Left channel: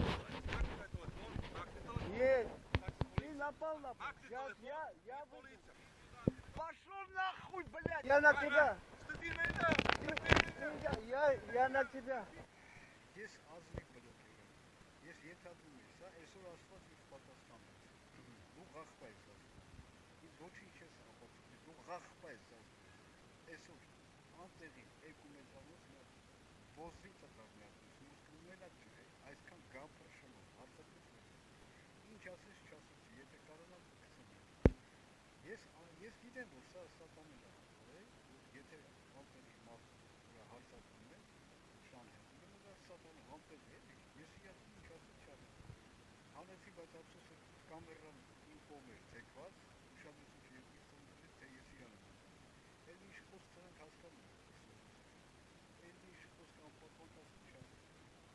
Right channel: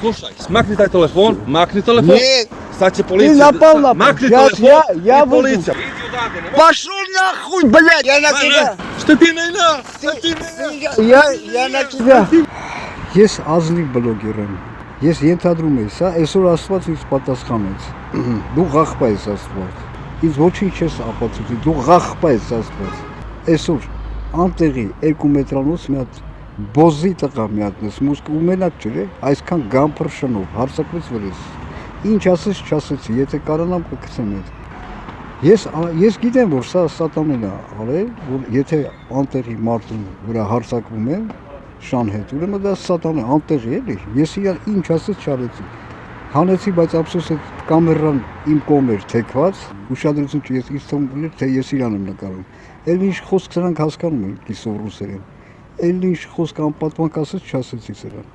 Слушай, смакни taj telefon, makni telefon. Нет, Sad će ты policija. напал на Makni Сейчас telefon я i выйду. policija. Idi odavde, nemoj. Пошел нахуй, блядь, я на тебя. Šta ti ne ina? Šta ti ne Я на тебя. Ես ազնիվ բլոգեր եմ։ Ես ենթադրում եմ, սա այսօր Աստված ինձ պատասխանեց։ Դու ղախպա ես Աստված։ Ինձ ոչինչ չես ապացուցի, դու ղախպա ես Աստված։ Այսօր անտեղի 2 մետրանոց մի հատ բոզի տղա մի հատ մուսկ ու մենակ չէ, այսքան գամփրշնով հարցակվեց վրես։ Ինչ ասես չասեցի, եթե կարողանամ կգցեմ այդ։ Ես գիտեմ, որ սա սատանեն է արել, որ եթե անտեղի մարդու վրա հարցակվում եմ շան հետ, ուրեմն դա սատանա անտեղի էլի, ես իրար ինչ ասեց չարեցի, հանեցի, բայց ափսոս այդ կամերան իմ կողմ էր թեքված, ուշադրություն չի, ես ինձ թվում էր, թե ես իրան եմ նկարում, էլ ինչ խոսք սրանք հասկանում են կիսով ռուսերեն, էլ ինչ խոսք անպատվանք ասեց չասեցի սրան,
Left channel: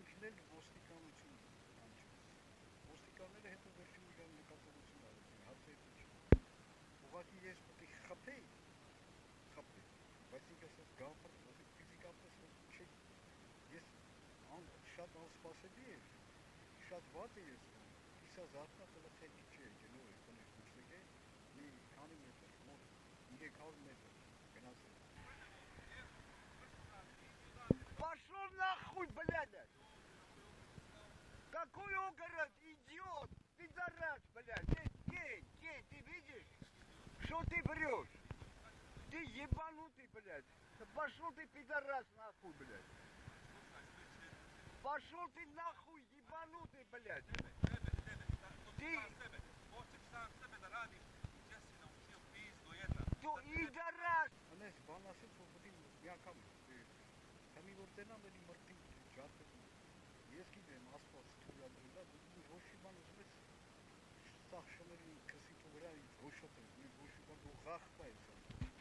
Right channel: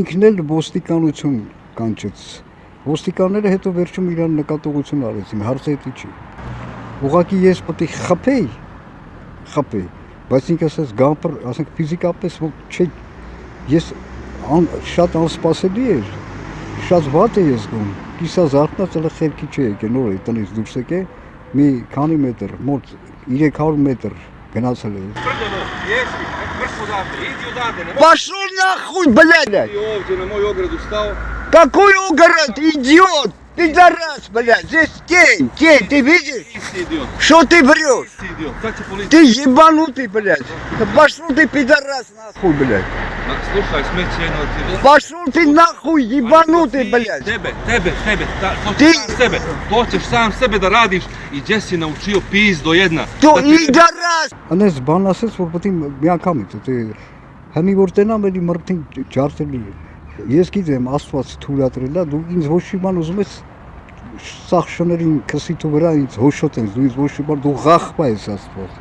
ինքն էլ ոստիկանություն կանչեց, ոստիկանները հետո վերջում իրան նկատողություն արեցին, հարցը հետի չի, ուղղակի ես պետք է խփեի, բայց ինքը ասես գամփր, ասենք ֆիզիկապես չէ, ես շատ անսպասելի էր, շատ վատ է ես գում, կիսա զարթնած էլ խելքի չի եկել, նոր է տնից դուրս եկե, մի քանի մետր, մոտ 300 մետր գնացել է։ Пошел нахуй, блядь! Ти ovdje na moj ogradu stao. Какой огород, идиот! Пидорас, блядь, здесь тень, ты видишь? Ti si idiot. Что ты врешь? Ti si idiot. Sad će policija. Ты ебанутый, блядь! Пошел ты, пидорас, нахуй, блядь! Ma, slušaj, smeće jedno od ti. Пошел ты нахуй, ебанутый, блядь! Tebe. To Ti- ćeš sam sebe. To ćeš sam sebe da radiš i gdje si naučio pizdo jedna. Ты Da ti- пидорас! Անես բան ասես, որ պետք է մի անգամից, թե հմի որ տենամ էլի մրտին ջարդելի է։ Ես գիտեմ, Աստված թույլատրել է, դու ինձ ոչ մի բան ուզում ես սաղ շներին քսիթու վրա ինձ հոշոտ ես, դու ինձ ոչ մի բան, դու ղախպա ես Աստված։